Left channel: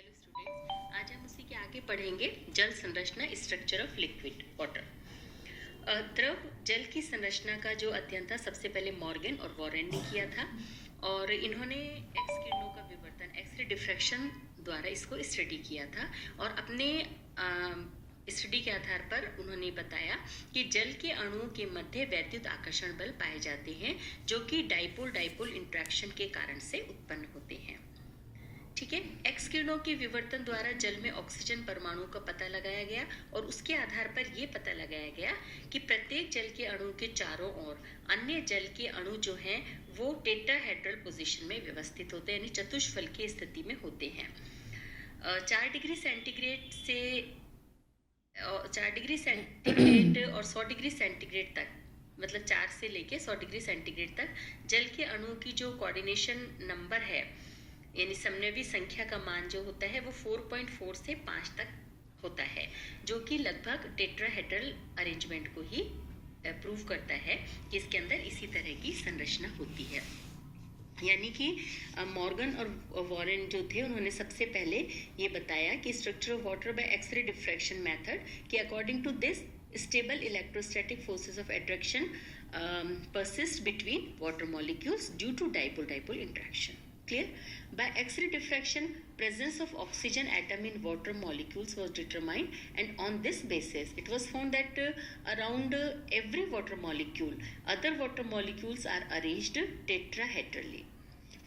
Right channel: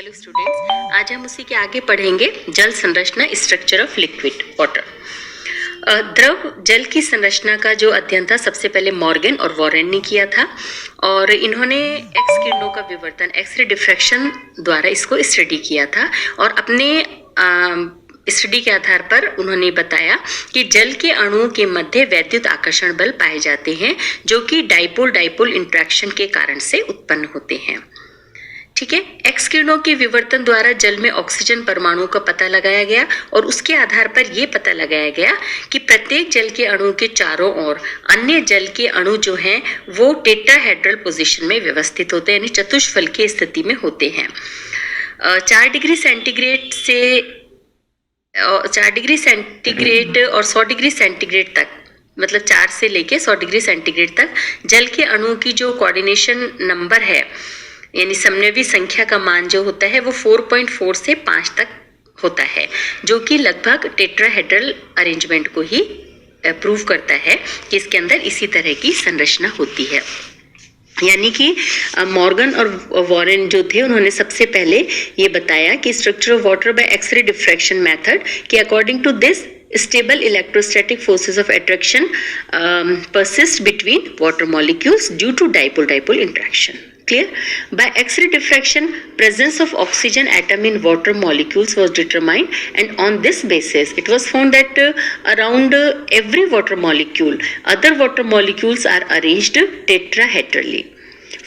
Hello students, आज हम उसी के आगे पढ़ेंगे जल संरचना, स्ट्रक्चर ऑफ लिक्विड वाटर। द्रव जल की संरचना का जो अध्ययन था सबसे पहले मॉर्गन और वॉरेन ने किया था और इन्होंने एक्स किरणों का विवर्तन, एक्सरे डिफ्रैक्शन द्वारा इसको स्टडी किया था और अपने स्टडी के आधार पर उन्होंने बताया कि जल के अणुओं के मध्य वैद्युत आकर्षण बल पाए जाते हैं जो कि डाइपोल डाइपोल इंट्रैक्शन के कारण से उत्पन्न होते हैं। ठीक है, एक्स किरणों के विवर्तन द्वारा जल में ऑक्सीजन परमाणु का पता लगाया गया और उसके आधार पर यह पता लगाया गया कि प्रत्येक जल के अणु के चारों ओर अन्य जल के अणु जो हैं वो टेट्राहेड्रल पोजीशन में व्यवस्थित होते हैं, यानी चतुष्फल की स्थिति में होते हैं। 4 डिग्री सेंटीग्रेड और 100 डिग्री सेंटीग्रेड तक, मतलब 4 से लेके 100 डिग्री सेंटीग्रेड तक जल के अणुओं की जो कोऑर्डिनेशन नंबर है, यानी समन्वयी संख्या का मान जो होता है वो 4.4 से 5 तक होता है, जो कि लगभग टेट्राहेड्रल अरेंजमेंट को ही प्रूव करता है कि इसके अंदर इसी तरह की संरचना होती है। यानी कि मॉर्गन और वॉरेन जो थे उन्होंने सबसे पहले ये बताया कि structure of water by X ray diffraction method कि according to this stable electrostatic forces of attraction persist between water molecules due to dipole-dipole interaction. Clear? By X-ray diffraction, presence of oxygen atom in water molecules was determined, and on this basis, it was found that around every water molecule, other water molecules are arranged tetrahedrally.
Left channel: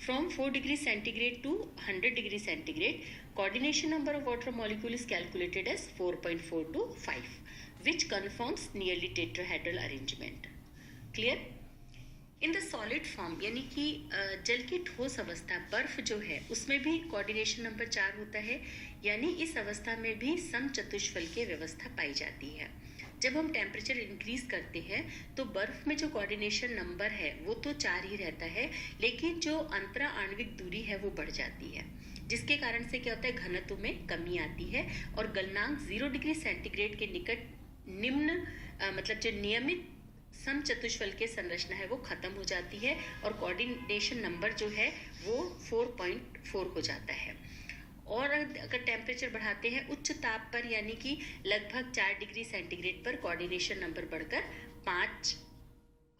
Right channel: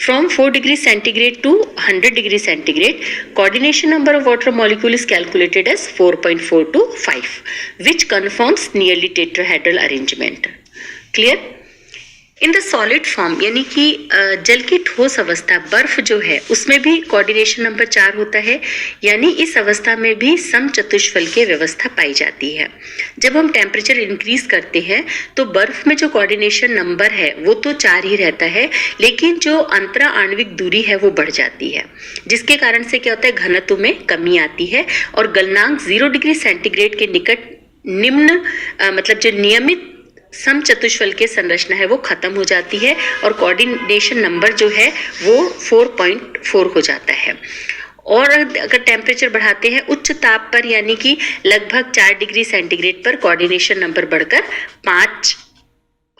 From 4 degree centigrade to 100 degree centigrade, coordination number of water molecule is calculated as 4.4 to 5, which confirms nearly tetrahedral arrangement. Clear? In the solid form, यानी कि जल की ठोस अवस्था, बर्फ जो है उसमें भी कोऑर्डिनेशन नंबर 4 होता है, यानी इस अवस्था में भी समचतुष्फल की व्यवस्था पाई जाती है। जब हम टेम्परेचर इंक्रीज करते हैं तो बर्फ में जो कोऑर्डिनेशन नंबर है वो तो 4 ही रहता है, लेकिन जो अंतरा आणविक दूरी है वो बढ़ जाती है, जिसके कारण से क्या होता है, घनत्व में कमी आती है और गलनांक 0 डिग्री सेंटीग्रेड के निकट निम्न मतलब जो नियमित समचतुष्फल के संरचना है वो खत्म हो जाती है और कोऑर्डिनेशन नंबर जो है वो 4.4 हो जाता है। और अगर टेम्परेचर बढ़ाते हैं उच्च ताप पर, यानी कि लगभग 4 डिग्री सेंटीग्रेड पर कोऑर्डिनेशन नंबर बढ़कर 5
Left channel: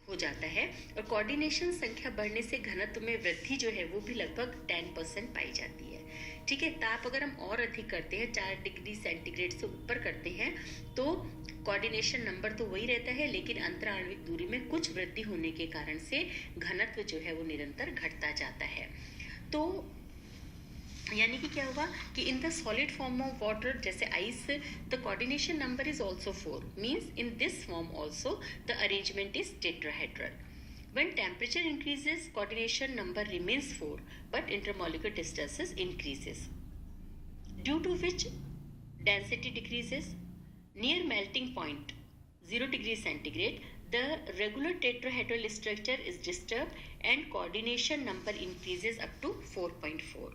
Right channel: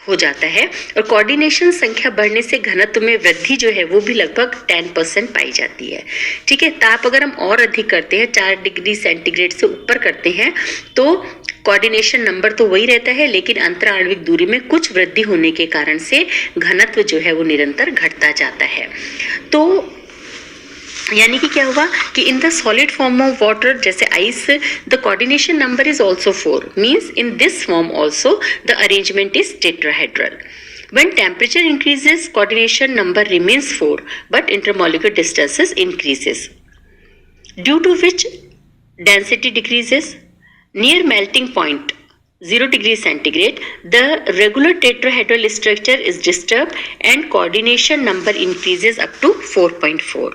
हो जाता है और कोऑर्डिनेशन संख्या बढ़ने से घनत्व में वृद्धि जो है वो भी लगभग 10% पाई जाती है। ठीक है, ताप अगर हम और अधिक करते हैं, 4 डिग्री सेंटीग्रेड से ऊपर करते हैं तो कोऑर्डिनेशन नंबर तो वही रहता है, लेकिन अंतरा आणविक दूरी में कुछ वृद्धि होने के कारण से घनत्व जो है वो निरंतर घटता जाता है। तो यानी कि क्या हुआ कि in the solid form of water, जैसे ice, the coordination number is also 4, means in this form also the arrangement is tetrahedral. When temperature increases, coordination number remains 4, but intermolecular distances increases, due to which density decreases. Near melting point 0 degree centigrade, the regular tetrahedral structure is disturbed and coordination number increases up to 4.4.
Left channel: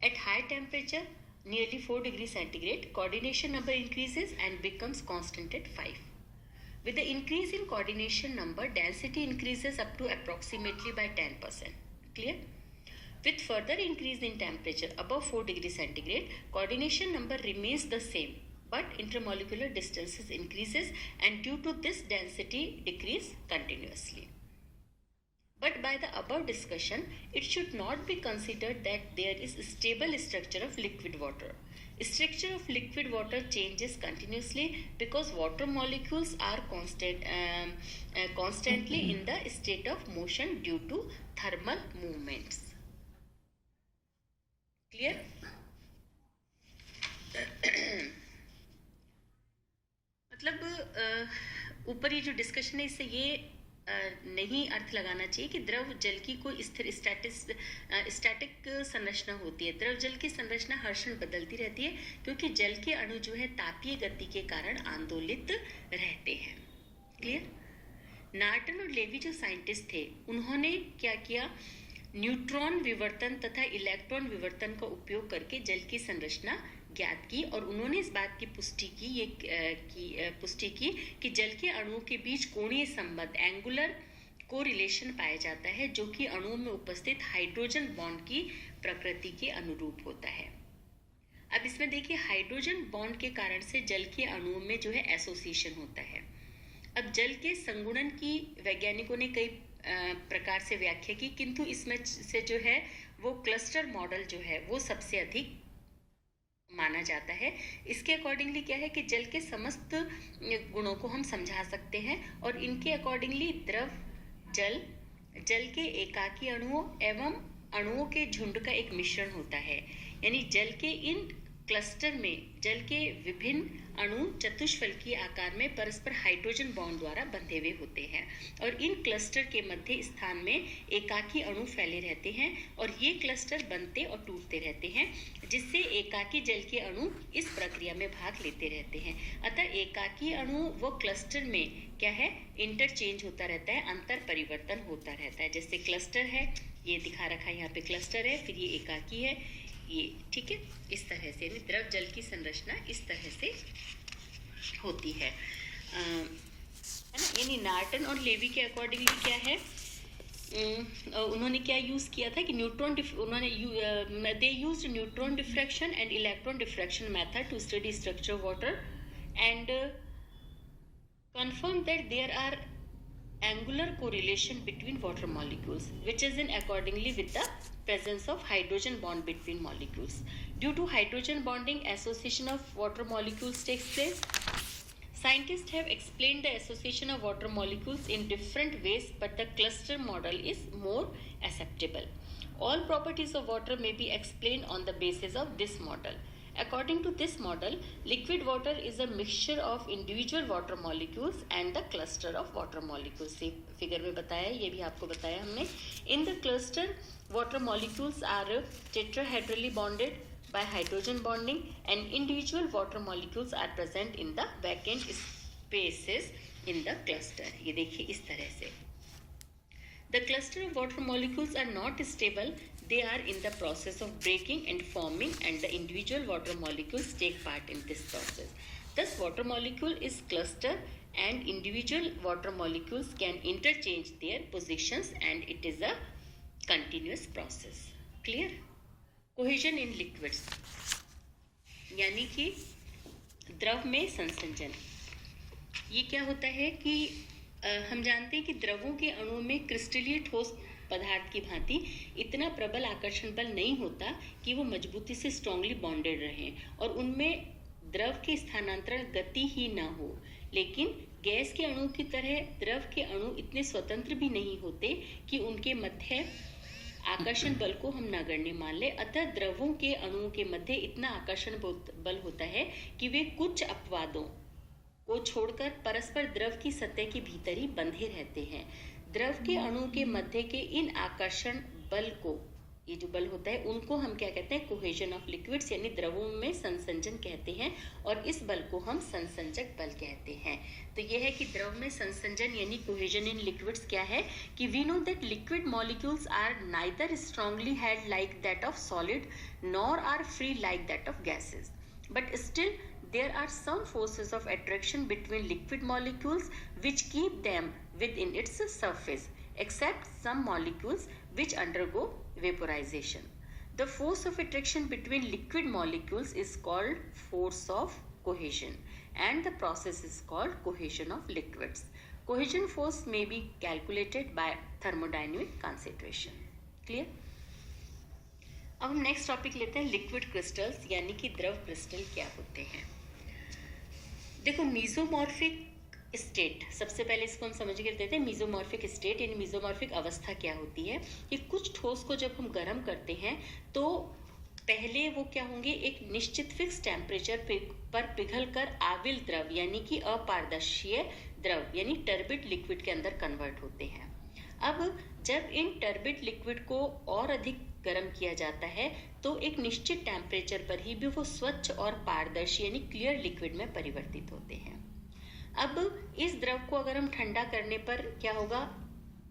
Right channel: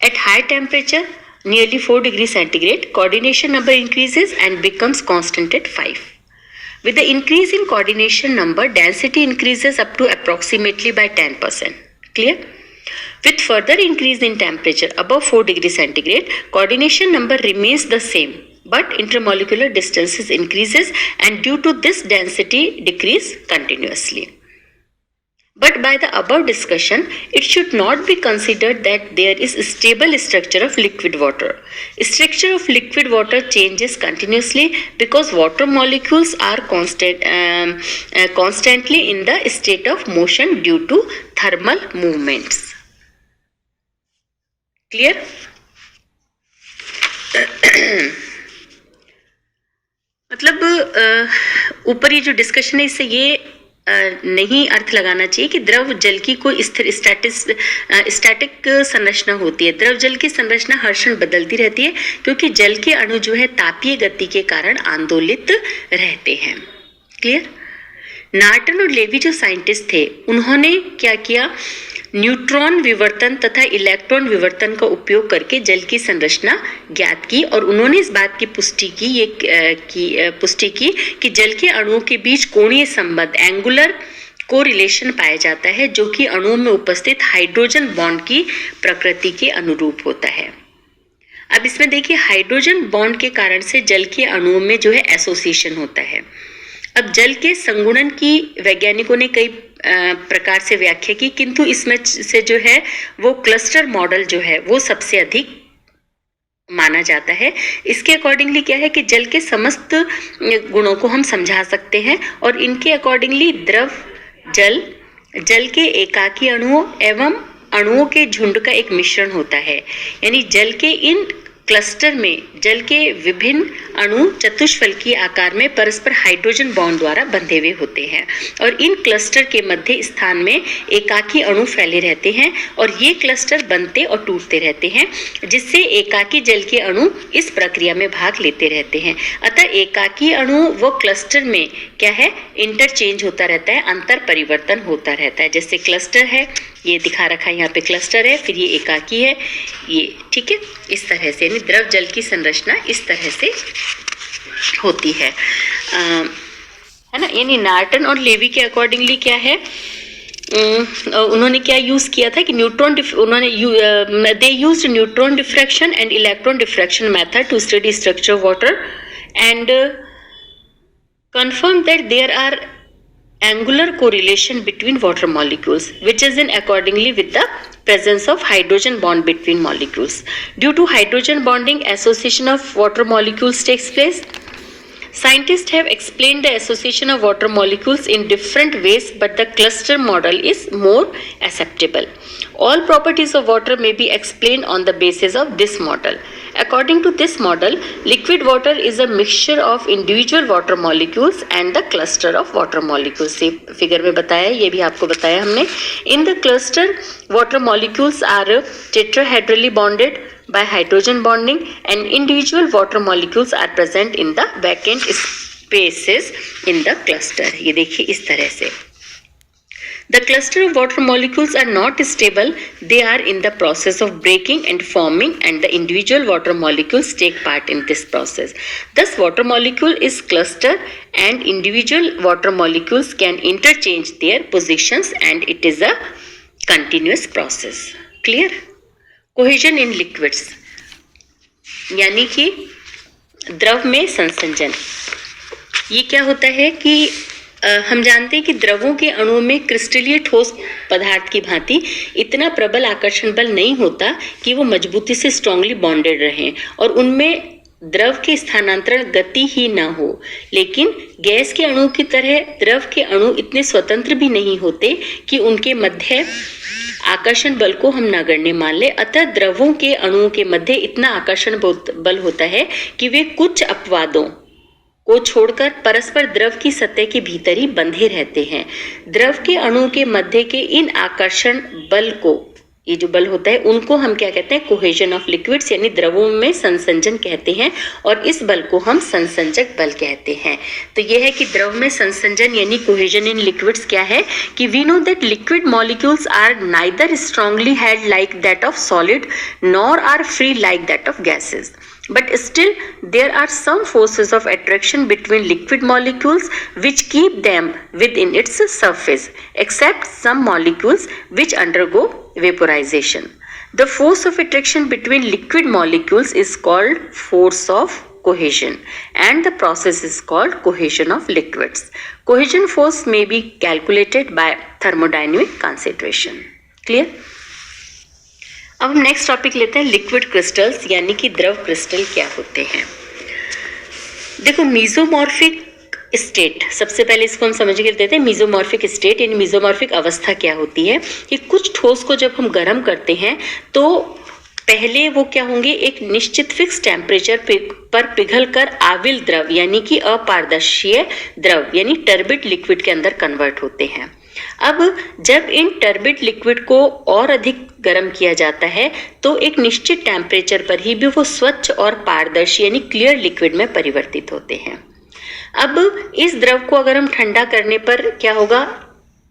At high temperature, nearly 4 degree centigrade, coordination number increases and becomes constant at 5. With the increase in coordination number, density increases up to approximately by 10%. Clear? With further increase in temperature above 4 degree centigrade, coordination number remains the same, but intermolecular distances increases, and due to this density decrease continuously. But by the above discussion, it should not be considered that there is a stable structure of liquid water. Structure of liquid water changes continuously because water molecules are constantly in the state of motion due to thermal movements. Clear? मतलब ऊपर ये जो discussion है इससे ये नहीं अर्थ लगाना चाहिए कि द्रव जल की कोई स्थिर स्टैटिक संरचना होती है। द्रव जल की संरचना हर क्षण बदलती रहती है क्योंकि जल के अणु जो है तापीय गति के कारण आंदोलित रहते हैं। क्लियर? नार्टन और लेवी जो साइंटिस्ट थे उन्होंने क्या किया, न्यूट्रॉन विवर्तन तथा इलेक्ट्रॉन विवर्तन का उपयोग करके जल की संरचना ज्ञात की और उन्होंने इस बात की पुष्टि की कि जल के अणुओं के बीच कोणीय संबंध, एंगुलर कोरिलेशन पाया जाता है, जो कि अणुओं में उपस्थित हाइड्रोजन बॉन्ड की प्रकृति के अनुरूप होता है। अब इसमें देखिए हाइड्रोजन बॉन्ड के कारण से जल के अणुओं में जो है एसोसिएशन होता है। अब जल के संगुणन की वैज्ञानिकों ने कई प्रकार से व्याख्या की, किंतु इसमें से जो है वो क्लस्टर मॉडल जो है वो सबसे अधिक माना जाता है। इसके अकॉर्डिंगली क्या है कि जल के समस्त गुणों को हम समझा सकते हैं और इनके अकॉर्डिंगली द्रव जल, जल के एकाकी अणुओं एवं अणुओं के झुंड का एक मिश्रण होता है। यानी जल के इन क्लस्टर में जल के विभिन्न अणु चतुष्फलकीय आकार में परस्पर हाइड्रोजन बॉन्ड द्वारा बंधे हुए होते हैं और इन क्लस्टर के मध्य स्थान में एकाकी अणु फैले रहते हैं और ये क्लस्टर बनते और टूटते रहते हैं, जिससे एकाकी जल के अणु इस प्रक्रिया में भाग लेते रहते हैं। अतः एकाकी अणु व क्लस्टर में क्या है, इंटरचेंज होता रहता है, अंतर परिवर्तन होता रहता है। जैसे क्लस्टर है, ये दिखा रखा है यहाँ पे क्लस्टर है, फिर ये एकाकी है, ये ठीक है, इस तरह से यानी द्रव जल की संरचना इस तरह से होती है ना। यानी नार्टन और लेवी के अकॉर्डिंगली क्या है, उन्होंने क्या यूज किया था कि neutron, they used neutron diffraction and electron diffraction method to study structure of water and confirm that there are angular correlation between water molecules, which is in accordingly with the presence of hydrogen bond between molecules. Due to hydrogen bonding, association of water molecules takes place. Scientists have explained the association of water molecules in different ways, but the cluster model is more acceptable. All properties of water may be explained on the basis of this model. According to this model, liquid water is a mixture of individual water molecules and the cluster of water molecules. ये figure में बताया, ये भी आपको बताया हमने. In the cluster, water molecules are tetrahedrally bonded by hydrogen bonding and individual water molecules are present in the vacant spaces in the cluster. ये देखिए इस तरह से. The cluster of water molecules are not stable. They are in the process of breaking and forming, and the individual water molecules take part in this process. Thus, water molecule is clustered and individual water molecules can interchange their positions, and it is a continuous process. Clear? Cohesion in liquids, यानी कि द्रव में संसंजन. ये क्या होता है कि हम जानते हैं कि द्रवों के अणुओं में क्रिस्टलीय ठोस पदार्थ की भांति इतना प्रबल आकर्षण बल नहीं होता कि वो मजबूती से स्ट्रांगली बॉन्डेड रहें और उनमें द्रव के स्थानांतरण गति ही ना हो. लेकिन गैस के अणु की तरह द्रव के अणु इतने स्वतंत्र भी नहीं होते कि उनके मध्य आकर्षण बल को हम नगण्य मान ले. अतः द्रवों के अणुओं के मध्य इतना आकर्षण बल होता है कि वे कुछ अपवादों को छोड़कर परस्पर द्रव की सतह के भीतर ही बंधे रहते हैं. द्रव के अणुओं के मध्य के इन आकर्षण बल को, ये जो बल होता है, उनको हम क्या कहते हैं, कोहेजन ऑफ लिक्विड्स यानी द्रवों में संसंजन कहते हैं और इस बल को हम संसंजक बल कहते हैं. तो ये है कि द्रव में संसंजन यानी कोहेजन इन लिक्विड्स क्या है कि we know that liquid molecules are neither strongly held like that of solid nor are free like that of gases. But still, there are some forces of attraction between liquid molecules which keep them within its surface, except some molecules which undergo vaporization. The force of attraction between liquid molecules is called force of cohesion, and the process is called cohesion of liquids. Cohesion force may be calculated by thermodynamic consideration. Clear? अब हम next topic लेते हैं liquid crystals यानी कि द्रव crystal क्या होते हैं. देखो मीजोमॉर्फिक स्टेट, सबसे पहले इसको हम समझ के लेते हैं. मीजोमॉर्फिक स्टेट यानी मीजोमॉर्फिक अवस्था क्या होती है कि कुछ ठोस को जब हम गर्म करते हैं तो पहले वो क्या होंगे, एक निश्चित फिक्स टेम्परेचर पर पिघल कर आविल द्रव यानी कि अपारदर्शीय द्रव यानी टर्बिड लिक्विड के अंदर कन्वर्ट होते हैं. अब जब इन टर्बिड लिक्विड को और अधिक गर्म किया जाता है तो एक निश्चित टेम्परेचर पर ही भी वो स्वच्छ और पारदर्शी यानी क्लियर लिक्विड में परिवर्तित होते हैं. अब इस द्रव को अगर हम ठंडा करने पर क्या होगा,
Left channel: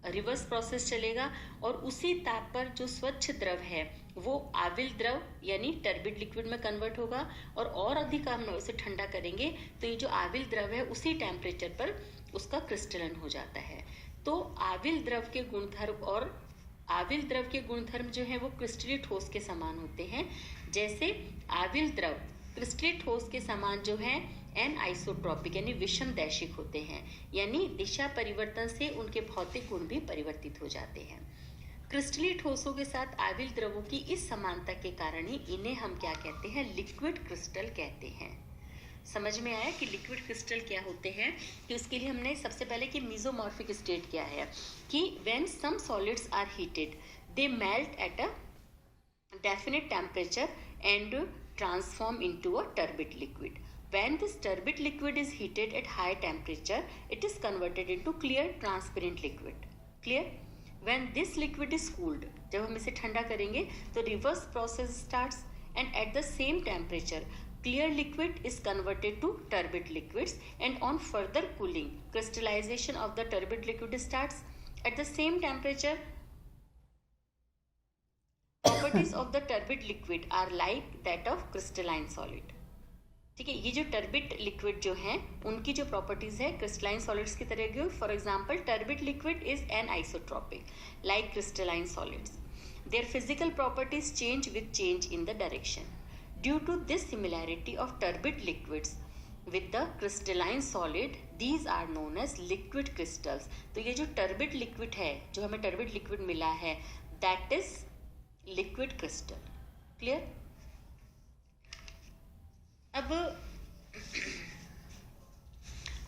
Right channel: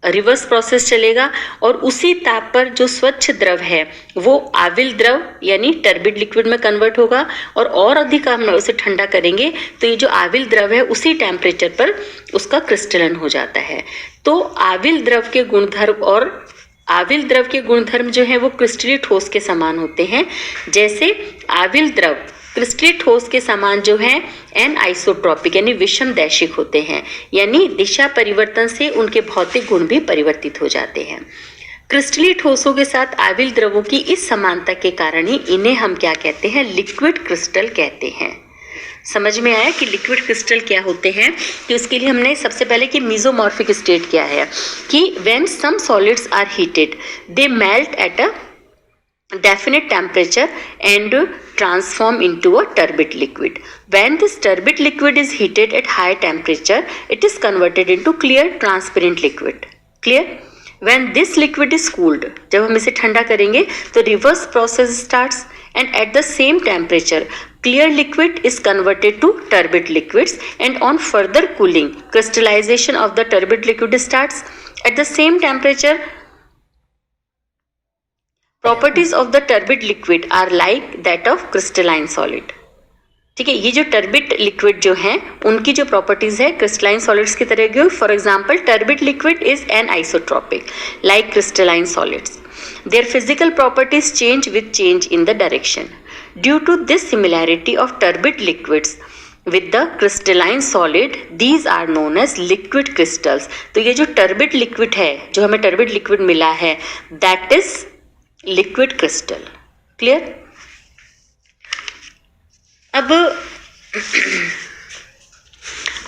रिवर्स प्रोसेस चलेगा और उसी ताप पर जो स्वच्छ द्रव है वो आविल द्रव यानी टर्बिड लिक्विड में कन्वर्ट होगा और अधिक हम उसे ठंडा करेंगे तो ये जो आविल द्रव है उसी टेम्परेचर पर उसका क्रिस्टलन हो जाता है. तो आविल द्रव के गुणधर्म और आविल द्रव के गुणधर्म जो है वो क्रिस्टलीय ठोस के समान होते हैं। जैसे आविल द्रव क्रिस्टलीय ठोस के समान जो है एन आइसोट्रॉपिक यानी विषम दैशिक होते हैं, यानी दिशा परिवर्तन से उनके भौतिक गुण भी परिवर्तित हो जाते हैं। क्रिस्टलीय ठोसों के साथ आविल द्रवों की इस समानता के कारण ही इन्हें हम क्या कहते हैं, लिक्विड क्रिस्टल कहते हैं। समझ में आया कि लिक्विड क्रिस्टल क्या होते हैं? कि उसके लिए हमने सबसे पहले कि मीसोमॉर्फिक स्टेट क्या है, कि when some solids are heated they melt at a definite temperature and transform into a turbid liquid. When this turbid liquid is heated at high temperature, it is converted into clear transparent liquid. Clear? When this liquid is cooled, जब हम इसे ठंडा करेंगे तो reverse process starts and at the same temperature clear liquid is converted to turbid liquids, and on further cooling crystallization of the turbid liquid starts. At the same temperature properties of the turbid liquid are like that of crystalline solid. ठीक है, ये जो turbid liquid जो हैं उनकी जो properties है crystalline solids की तरह की। For example turbid liquid is anisotropic like crystalline solids. Their physical properties change with change in the direction. Due to this similarity of turbid liquids with the crystalline solid, these are known as liquid crystals. तो ये जो turbid liquid है, जो हमें turbid liquid मिला है, that is liquid crystal. Clear? अब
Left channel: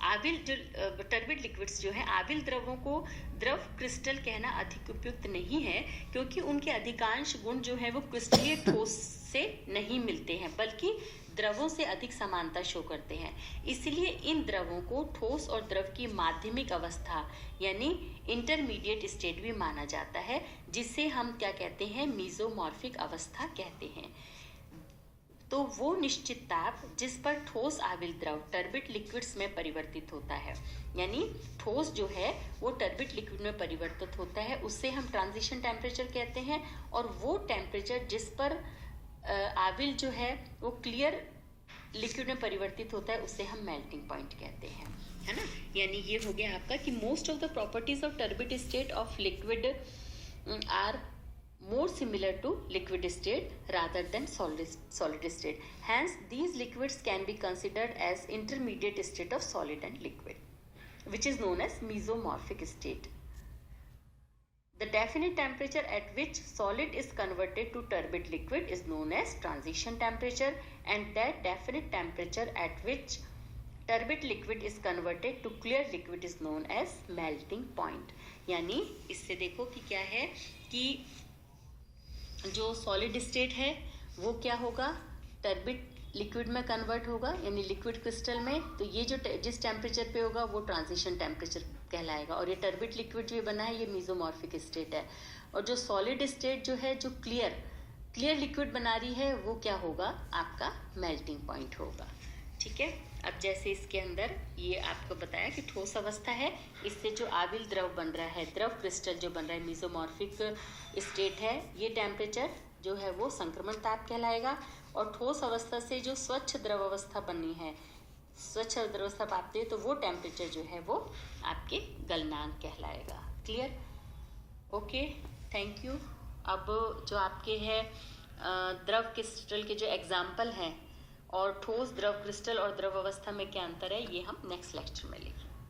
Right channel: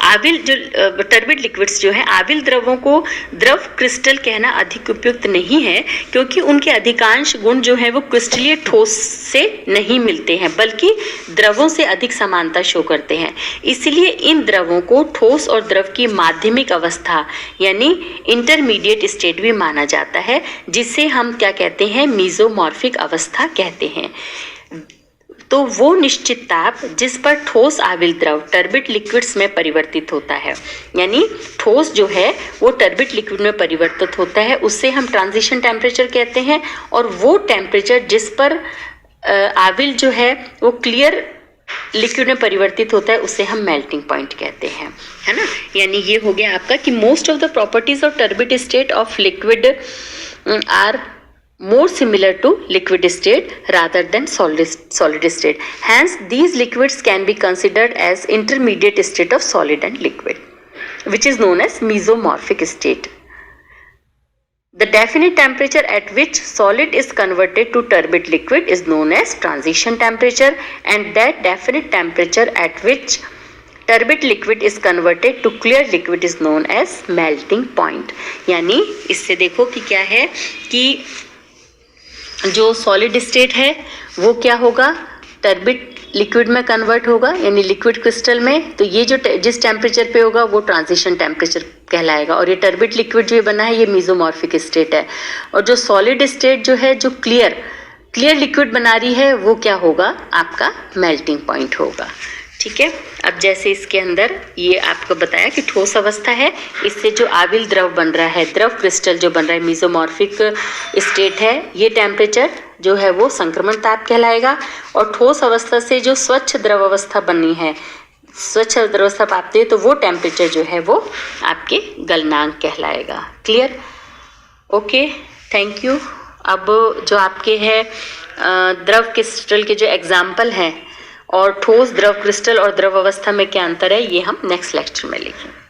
आविल जो टर्बिड लिक्विड्स जो है, आविल द्रवों को द्रव क्रिस्टल कहना अधिक उपयुक्त नहीं है, क्योंकि उनके अधिकांश गुण जो है वो क्रिस्टलीय ठोस से नहीं मिलते हैं, बल्कि द्रवों से अधिक समानता शो करते हैं। इसलिए इन द्रवों को ठोस और द्रव की माध्यमिक अवस्था यानी इंटरमीडिएट स्टेट भी माना जाता है, जिसे हम क्या कहते हैं, मीसोमॉर्फिक अवस्था कहते हैं। तो वो निश्चित ताप जिस पर ठोस आविल द्रव टर्बिड लिक्विड्स में परिवर्तित होता है, यानी ठोस जो है वो टर्बिड लिक्विड में परिवर्तित होता है, उससे हम ट्रांजिशन टेम्परेचर कहते हैं। और वो टेम्परेचर जिस पर आविल जो है वो क्लियर लिक्विड में परिवर्तित होता है, उसे हम मेल्टिंग पॉइंट कहते हैं, है ना। यानी ये हो गया आपका कि most of the properties of turbid state of liquid are more similar to liquid state rather than solid state. Hence, these liquids can be considered as intermediate state of solid and liquid, which is known as mesomorphic state. The definite temperature at which solid is converted to turbid liquid is known as transition temperature, and that definite temperature at which turbid liquid is converted to clear liquid is known as melting point. यानी इससे देखो कि क्या है कि जो solid state है वो क्या होगा, टर्बिड लिक्विड में कन्वर्ट होगा, यानी लिक्विड क्रिस्टल में। तो ये जो जिस टेम्परेचर पे होगा वो ट्रांजिशन टेम्परेचर कहलाएगा। और ये टर्बिड लिक्विड जो बना है ये मीसोमॉर्फिक स्टेट है। और जो सॉलिड स्टेट जो है, जो क्लियर लिक्विड बना रही है, वो क्या होगा, आपका मेल्टिंग पॉइंट होगा। ठीक है। अब जैसे इसके अंदर ये आपको बताया कि ठोस अवस्था है, इससे जो आविल द्रव बन रहा है, द्रव क्रिस्टल जो बन रहा है, मीसोमॉर्फिक स्टेट है, ये टेम्परेचर जो है वो संक्रमण ताप कहलाएगा। और ठोस अवस्था से जो स्वच्छ द्रव अवस्था बनी है, स्वच्छ द्रव अवस्था पाते हैं, तो वो टेम्परेचर जो है वो आपके गलनांक कहलाएगा। क्लियर? Okay, thank you. अब जो आपके है द्रव क्रिस्टल के जो एग्जाम्पल हैं और ठोस द्रव क्रिस्टल और द्रव अवस्था में क्या अंतर है, ये हम नेक्स्ट लेक्चर में लिखेंगे।